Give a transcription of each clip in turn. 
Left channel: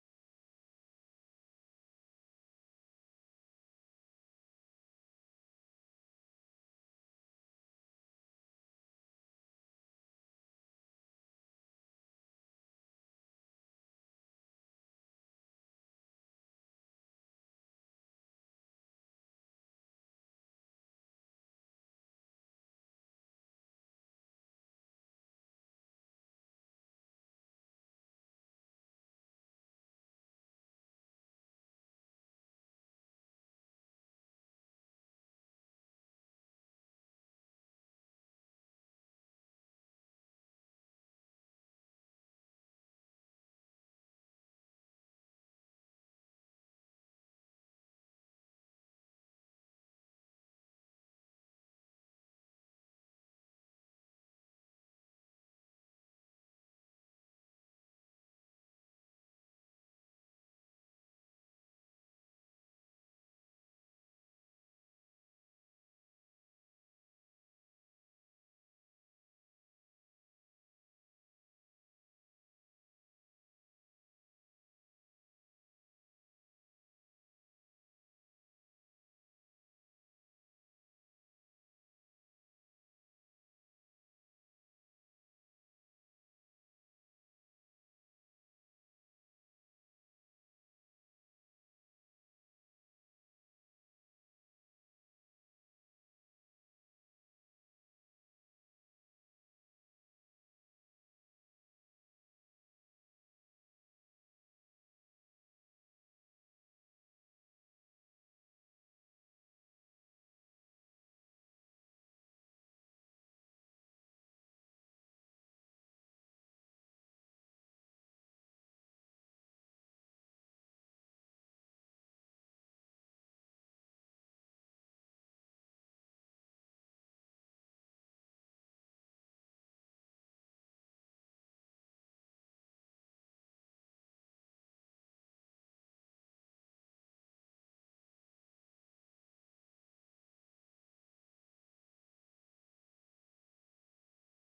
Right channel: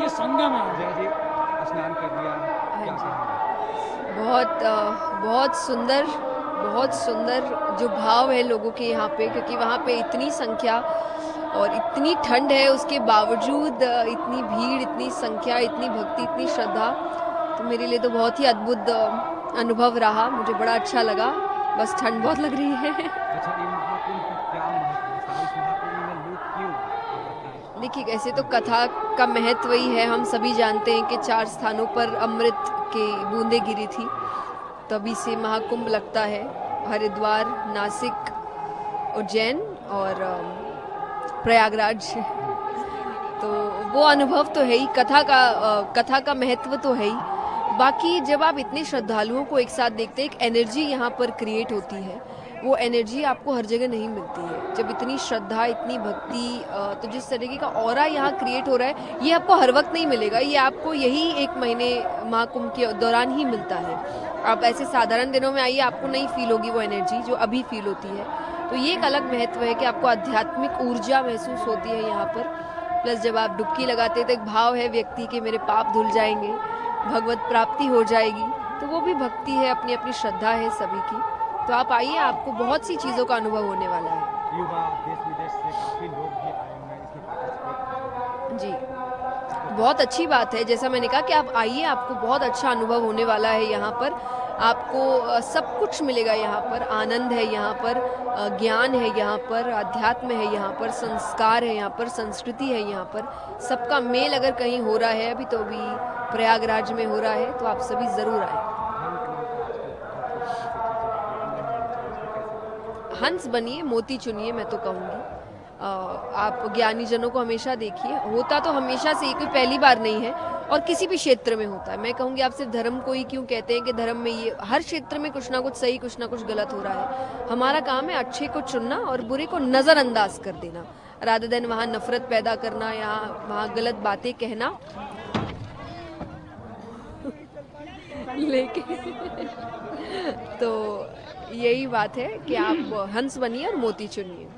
ये संगम है। जय जी, स्नान कर लिया, हाँ क्या जी। कहेंगे? बहुत सुंदर, बहुत सुंदर जो भाव है लोगों के यहाँ पे, क्योंकि वहाँ पे इतनी संख्या और इतनी ठंड है, उसके बावजूद इतनी भीड़, इतनी संख्या, इतनी भक्ति, इतनी श्रद्धा। तो मेरे लिए तो बहुत ही अद्भुत अनुभव रहा, मुझे बड़ा अच्छा लगा। बस ठंड बहुत लग रही है। अच्छा, ये महाकुंभ का क्या महत्व है? सारा इस महाकुंभ में लोग क्यों, आप बताएं। देखिए, ऐसे तो कथा का महत्व ही है, हम सभी जानते हैं कि 4 स्थानों पर अमृत की बूंदें गिरी थी, तभी से महाकुंभ लगता है। हरिद्वार, नासिक, उज्जैन और प्रयागराज। तो वो अनुभव तो है ही, कथा का महत्व तो है ही। बाकी जब आप इतने श्रद्धालुओं को एक साथ देखते हैं, एक एनर्जी यहाँ पर क्रिएट होती है, वो एनर्जी आपको हर जगह नहीं मिलती है। जब इतनी श्रद्धा, इतनी भक्ति, तो जिस तरीके का ऑरा यहाँ क्रिएट हो रहा है, ये आपको हर वक्त नहीं मिलेगा, ये आपको यही 1 महीने महाकुंभ के दौरान ही मिलता है। आप ऐसे साधारण दिनों में आइए, आपको नहीं फील होगी वो एनर्जी जो अभी फील होती है। तो ये एक अलग महत्व है कि आपको आध्यात्मिक ऊर्जा महसूस होती है यहाँ पर। प्लस जब आप डुबकी लगाते हैं तो एक भाव है व्यक्ति के, मेरे पाप धुल जाएंगे, भगवत प्राप्ति हो जाएगी। तो वो भी भक्ति है, अपनी अपनी श्रद्धा है सभी की। तो आप आइए, आपको बहुत सी चीज़ों का अनुभव होने वाला है। युवा देश विदेश से काफी लोग भी आए हुए हैं इसमें पार्टिसिपेट। जी, बहुत अच्छी बात है। जैसा मैंने कहा कि आप आइए, आपको बहुत अच्छा अनुभव होने वाला है यहाँ पर। आपको सब कुछ मिलेगा यहाँ पर, आनंद है यहाँ पर, ज्ञान है यहाँ पर, अध्यात्म है यहाँ पर, संस्कार है यहाँ पर, संस्कृति है यहाँ पर। सबका मेल अगर कहीं हो रहा है, अभी तो अभी प्रयागराज में हो रहा है, तो आप सभी ज़रूर आएँ। हंस बनिए, मोती चुनिए, मैं तो कहूँगी। आप ज्ञानी जनों को हमेशा देखिए, होता तो हमेशा से ही, कोई पहली बार नहीं है, और किसी भी क्षेत्र में होता है। मैं कहूँगी आप सिर्फ धर्म को ही क्यों कहते हैं कि धर्म में ये हर क्षेत्र में कुछ ना कुछ सही, कुछ ना कुछ गलत हो रहा है। हमारा काम है अच्छे को चुनना और बुरे को नज़रअंदाज कर देना, रादर देन वहाँ नफरत पैदा करना या वहाँ गलत बातें कहना। लेकिन तो यही बात है कि आप हंस बनिए और मोती चुनिए।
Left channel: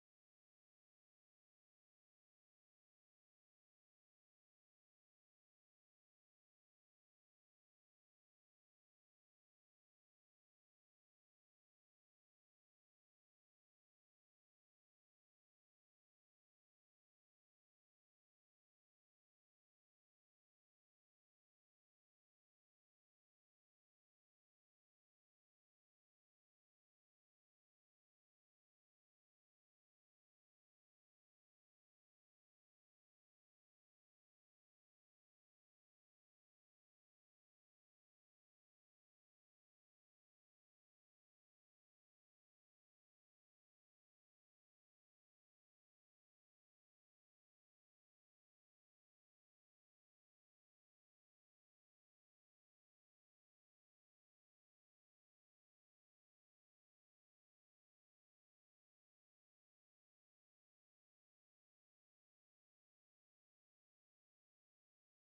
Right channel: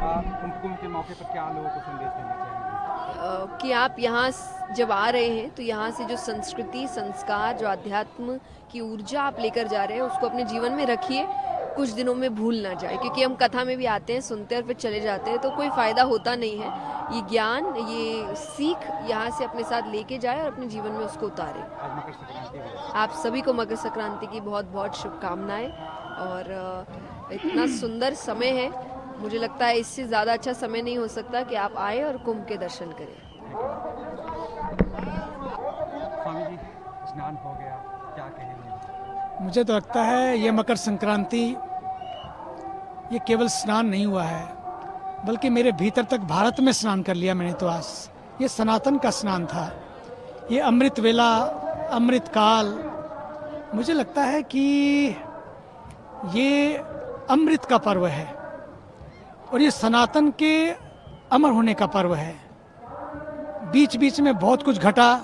कुंभ के मौके पर क्या लोगों को संदेश देना चाहेंगे? कि आप यहाँ जब आ रहे हैं तो यहाँ से जो संस्कृति, संस्कार, जो अध्यात्म की ऊर्जा आप लेकर जा रहे हैं, उसको अपने जीवन में रखिए, कुछ दिनों में भूल ना जाए। क्योंकि हम कथा में भी आते हैं, सुनते हैं और फिर चले जाते हैं, तो कोई फ़ायदा होता नहीं है। ये ज्ञान, ये सीख यहाँ से अपने साथ लेके जाए और अपने जीवन में उसको उतारे। आज मकर संक्रांति है। आप सभी को मकर संक्रांति की बहुत बहुत शुभकामनाएं। और इतना सुंदर समय है, मुझे लगता है इससे ज़्यादा अच्छा समय नहीं हो सकता कि आप आए और कुंभ के दर्शन करें। स्वामी जी, स्नान हो गया, क्या कहेंगे? मुझे तो लगता है ये मकर संक्रांति, ये केवल स्नान नहीं हुआ है, बल्कि मेरे भीतर तक भारत में स्नान कर लिया मैंने तो आज। ये सनातन का स्नान था, ये अमृत वेला, अमृत काल। मुझे लगता है कि ये अमृत का पर्व है और ये सनातन के अमर होने का पर्व है। बीच बीच में बहुत कुछ घटा,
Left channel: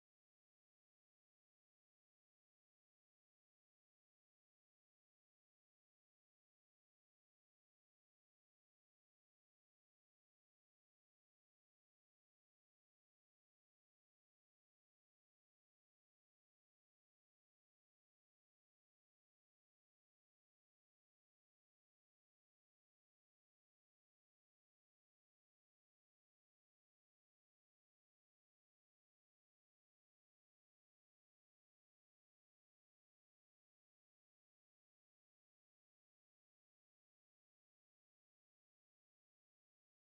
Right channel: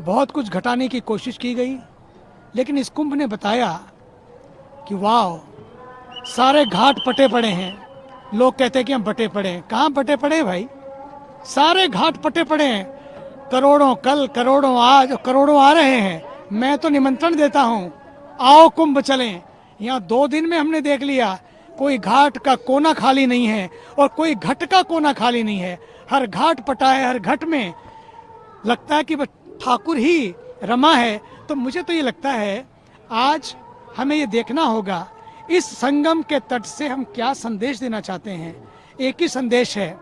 बहुत कुछ घटाने की कोशिश की गई, लेकिन इस कुंभ ने बताया कि वाह, सारे घाट पटे पड़े हैं। लोग कहते हैं कि हम बटे पड़े हैं, कहाँ बटे पड़े हैं भाई? सारे घाट पटे पड़े हैं। करोड़ों कल, करोड़ों आज, करोड़ों आ रहे हैं। मैं तो निमंत्रण देता हूँ, आओ कुंभ चलें। यहाँ 2 दिन में हमने देख लिया, कोई घाट का कोना खाली नहीं है और कोई घट का कोना खाली नहीं है। हर घाट पटा है, हर घट में लगता है कि ठाकुर ही रमा है। तो मुझे तो ये लगता है आज हमें ये देखना होगा इस संगम के तट से हम क्या संदेश देना चाहते हैं। एक ही संदेश है,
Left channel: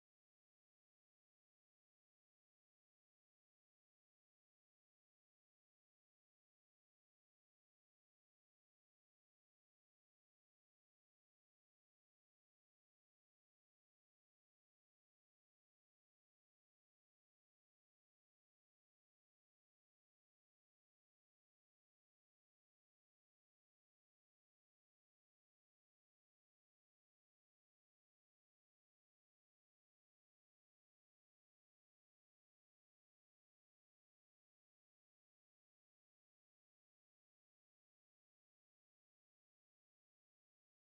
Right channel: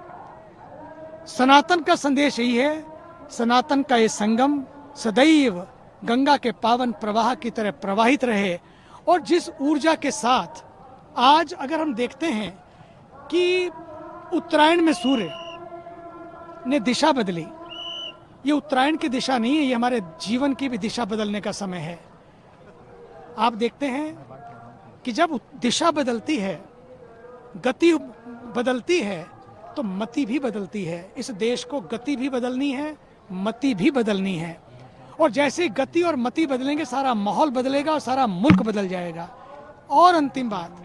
सनातन का संदेश यही है, सनातन का ये संगम सदैव गंगा के पावन प्रवाह की तरह प्रवाहित रहे। और जिस ऊर्जा के साथ आज अगर हम देखते हैं कि उत्तरायण में सूर्य ने दिशा बदली, ये उत्तरायण की दिशा नहीं है, ये हमारे जीवन की भी दिशा बदलने का समय है। आप देखते हैं कि जब दिशा बदलती है, गति बदलती है, तो मति भी बदलती है। इस देश को गति भी बदलनी है, मति भी बदलनी है। और जैसे गति और मति बदलेंगे, सारा माहौल बदलेगा और सारा मुल्क बदल जाएगा। और अंतिम बात,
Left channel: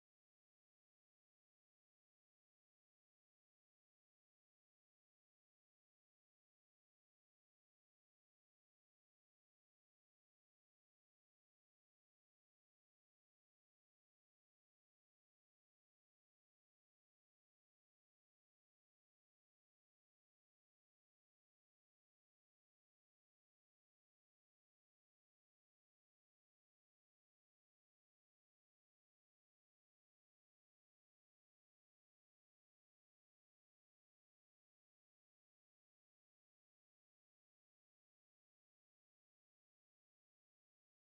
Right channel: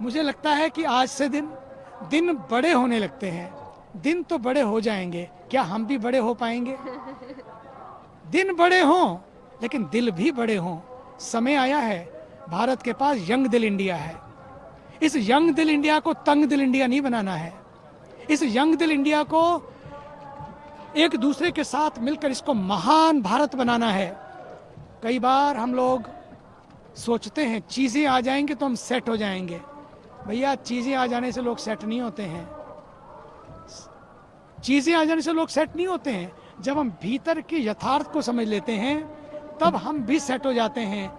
मुझे लगता है कि आज से दिन बड़े होने लगते हैं। दिन तो बड़े हो जाएंगे, क्या हम भी बड़े हो पाएंगे? दिन बड़े हों लेकिन दिल भी बड़े हों। समय आया है, भारत के पास यंग दिल इंडिया है। इस यंग दिल इंडिया को तंग दिल इंडिया नहीं बनाना है। इस यंग दिल इंडिया को एक दूसरे के साथ मिलकर इसको महान भारत बनाना है। कई बार हम लोग सोचते हैं चीज़ें आ जाएंगे तो हम सेट हो जाएंगे। भैया, चीज़ें आ जाने से लोग सेट नहीं होते हैं। चीज़ें आ जाने से लोग सेट नहीं होते हैं। जब हम भीतर के यथार्थ को समझ लेते हैं तब हम भी सेट हो जाते हैं,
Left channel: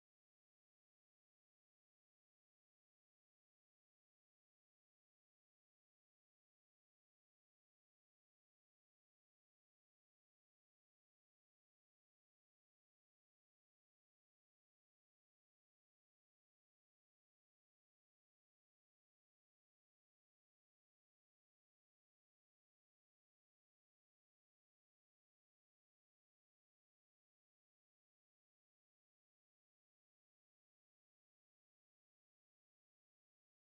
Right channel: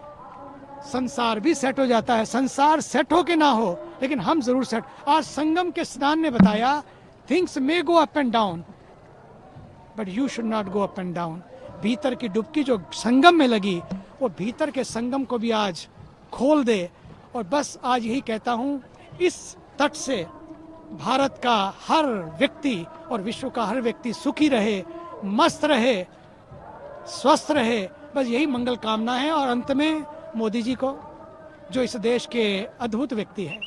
संसार भी सेट हो जाता है। संसार सेट हो के ना हो लेकिन हम जरूर सेट। आज संगम के स्नान ने बताया things may go up and down but you should not go up and down. भीतर की डुबकी जो संगम में लगी वो भीतर के संगम को भी आज खोल दे। और बस आज यही कहता हूँ, इस तट से भारत का हर व्यक्ति और विश्व का हर व्यक्ति सुखी रहे, मस्त रहे, स्वस्थ रहे, बस यही मंगल कामना है। और अंत में मोदी जी को, जो इस देश के अद्भुत व्यक्ति हैं,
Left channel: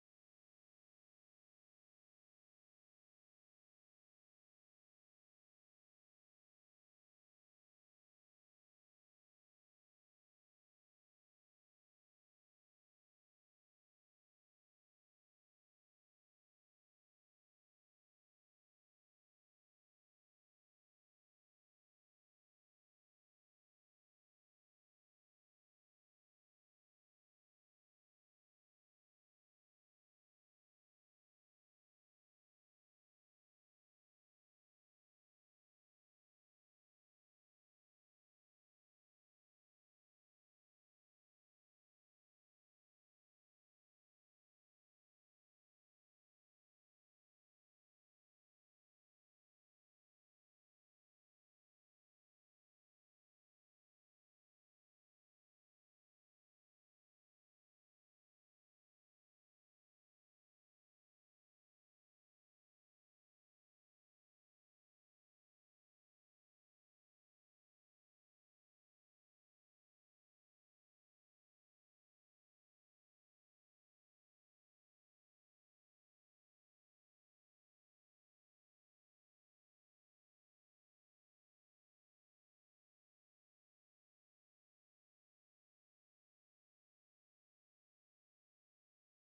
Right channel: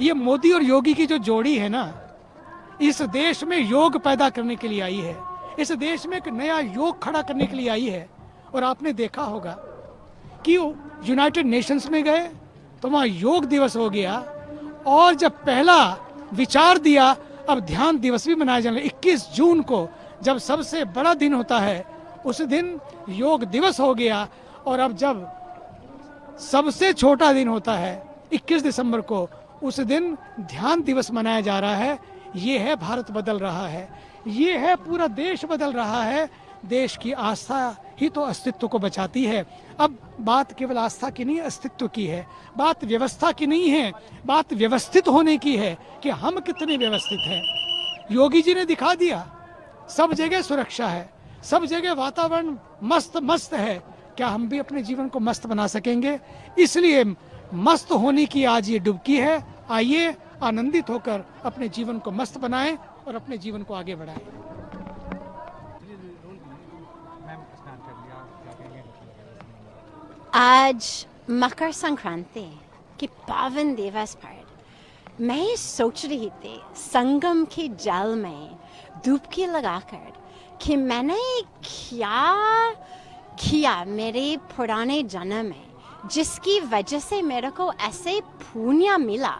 ये मोदी और योगी की जो जोड़ी है ना, इस देश में योग पैदा करने के लिए आई है। इस देश में एक नया योग खड़ा करने के लिए आई है। और आपने देखा होगा कि यूनाइटेड नेशंस में गए तो वहाँ योग दिवस हो गया, और जब पहला विचार दिया अब ध्यान दिवस भी मनाया जाने। 21 जून को जब सबसे बड़ा दिन होता है उस दिन योग दिवस हो गया। और अब जब सबसे छोटा दिन होता है 21 दिसंबर को, उस दिन ध्यान दिवस मनाया जा रहा है। ये है भारत बदल रहा है, ये है पूरा देश बदल रहा है। देश की आस्था ही तो अस्तित्व को बचाती है। अब बात केवल आस्था की नहीं, अस्तित्व की है। बात व्यवस्था की नहीं है, बात व्यवस्थित होने की है कि हम कितने व्यवस्थित हैं। योगी जी ने दिखा दिया, सब जगह सुरक्षा है, सब जगह वातावरण मस्त मस्त है। क्या हम भी अपने जीवन को मस्त बना सकेंगे? इसलिए मस्त होने की आज ये डुबकी है। आइए आनंदित होकर अपने जीवन को मस्त बनाएं और अपने जीवन को आगे बढ़ाएं। मैम, स्नान कर लिया, क्या कहेंगे? आज मकर संक्रांति के पावन दिवस पर मैं सोच रही थी संगम के जल में डुबकी लगाकर कि मैंने क्या किया मेरे पुराने जन्म में, जिसकी वजह से मेरे को ऐसे पुण्य मिला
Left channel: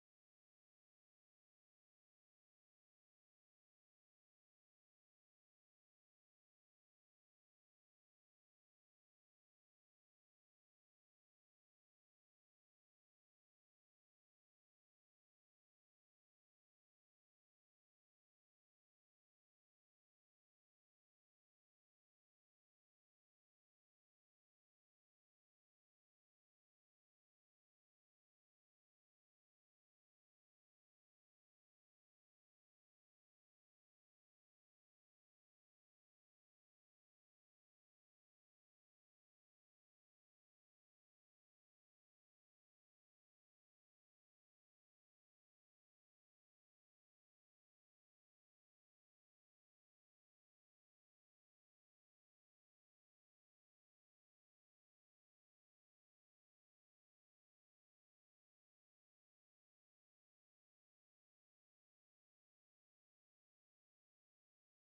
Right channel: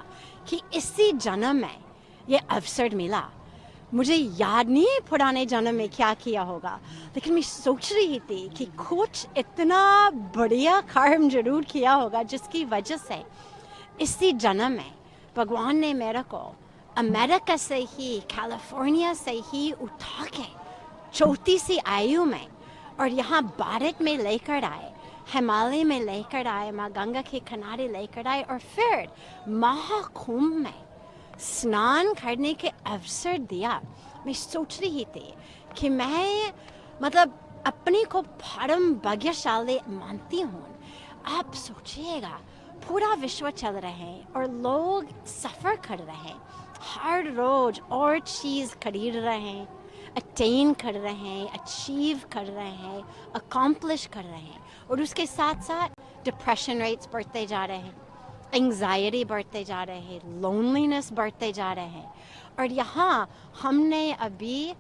कि इसी जन्म में ये अवसर मिला। मुझे याद नहीं है पुराने जन्म में क्या किया होगा, लेकिन मैं सोच रही थी कि कुछ इतना बढ़िया कर्म जरूर किया होगा जिसकी वजह से इसी जन्म में भगवान ने मेरे को अमेरिका से ही, कैलिफोर्निया से ही उठा के 34वीं आयु में और यहाँ भारत में लेकर आए, हिमालय में लेकर आए, माँ गंगा के किनारे लेकर आए और फिर महाकुंभ में स्नान करने के अवसर दिया। मैं सोच रही थी कि मैं अपने को परम भाग्यशाली मानती हूँ। आप सोचिएगा, पूरा विश्व चल रहे हैं और लोग सफ़र कर रहे हैं, हर रोज और चीज़ खरीद रहे हैं, अटेन कर रहे हैं, अचीव कर रहे हैं, अकम्प्लिश कर रहे हैं, और उसके साथ साथ डिप्रेशन रेट्स बढ़ते जा रहे हैं, एंग्जाइटी बढ़ते जा रहे हैं, लोनलीनेस बढ़ते जा रहे हैं। और यहाँ हमने अभी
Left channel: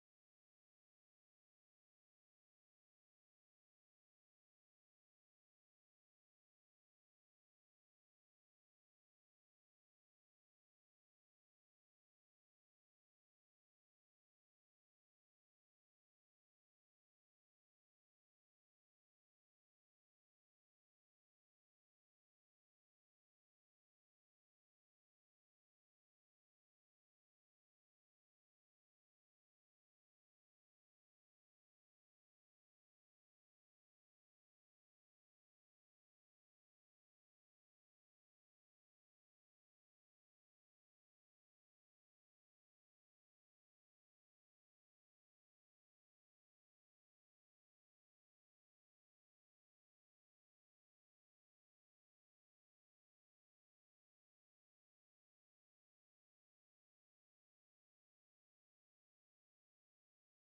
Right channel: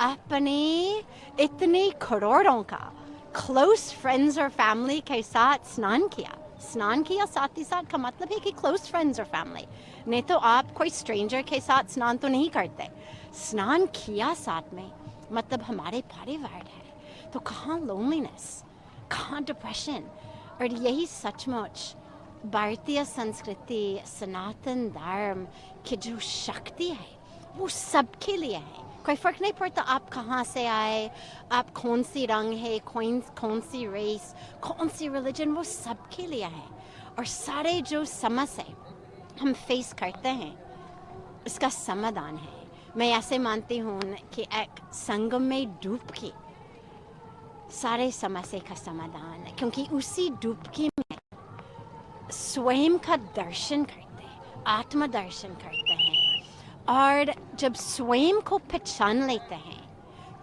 अपने इतने करोड़ों का क्लोज फ्रेंड्स और फैमिली के साथ स्नान किया साथ ही साथ का मतलब है कि क्लोज फ्रेंड्स और फैमिली, नहीं तो आप कोई स्ट्रेंजर के साथ स्नान तो नहीं करते। स्नान किया साथ में मतलब हमारे परिवार है, तो कहाँ लोनलीनेस, कहाँ डिप्रेशन। और यही सचमुच भारतीय संस्कृति, सनातन धर्म की जो शक्ति है वो सबके लिए है। कोई फ़र्क नहीं पड़ता आप कहाँ से आए, आप कौन सी रंग है, कौन सी रेस, कौन सी रिलीजन, वो सबके लिए है। और सारे जो समस्या हम फेस करते हैं इसका समाधान है। मैं ऐसे मानती हूँ कि एक संगम में डुबकी सारे समस्या का समाधान है, क्योंकि उसी डुबकी में स्वयं का दर्शन करते हैं, आत्म दर्शन करते हैं। और जब स्वयं को पहचान लेते हैं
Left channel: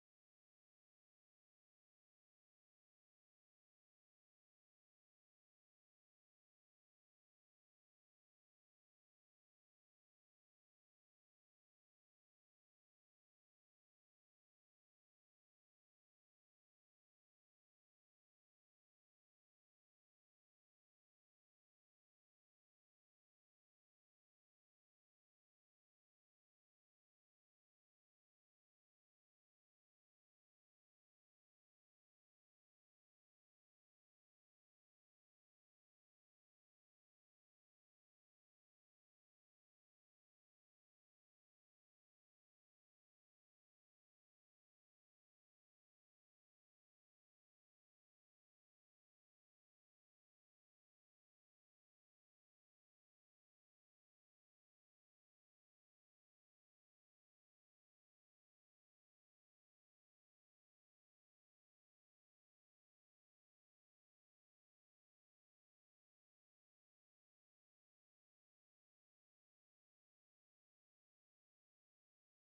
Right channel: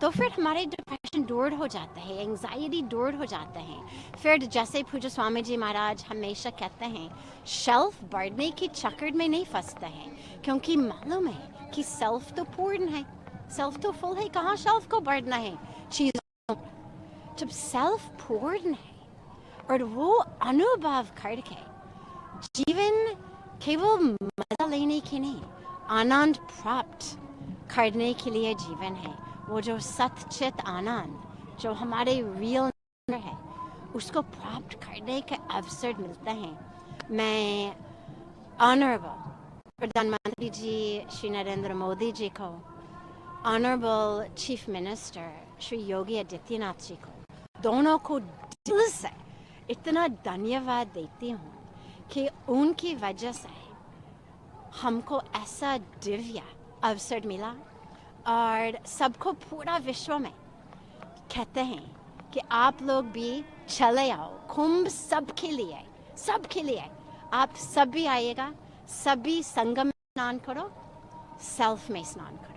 तो फिर हमारे डिप्रेशन दूर हो जाता है, एंग्जाइटी दूर हो जाते हैं। फिर जैसे पूज्य स्वामी जी महाराज हमेशा कहते हैं, शेल्फ बढ़ने के चक्कर में नहीं फंसते हैं, क्योंकि मालूम है कि सेल्फ तो पूर्ण है, सेल्फ तो फुल है, कहाँ सेल्फ को बढ़ना है चीज़ों। जब सेल्फ पूर्ण है और वो अनुभव करके जीवन केवल मजा लेने के नहीं, आनंद प्राप्त करने के लिए जीवन है। वो जो सच्चित आनंद जो हमारे रियल है, उसको प्राप्त करने के अवसर मिलते हैं। मैं ऑनरेबल प्रधानमंत्री जी श्री नरेंद्र मोदी जी को, honourable chief minister Shri Yogi Adityanath ji को, दोनों को दिल से इतना धन्यवाद देती हूँ कि उनकी वजह से हमको ऐसा दिव्य अवसर मिला। और सबको पूरा विश्व में कहते हैं कि आप लोग भी चले आओ, कुंभ सबके लिए आप सभी आइएगा, सभी संगम में स्नान करो, सेल्फ में स्नान करो।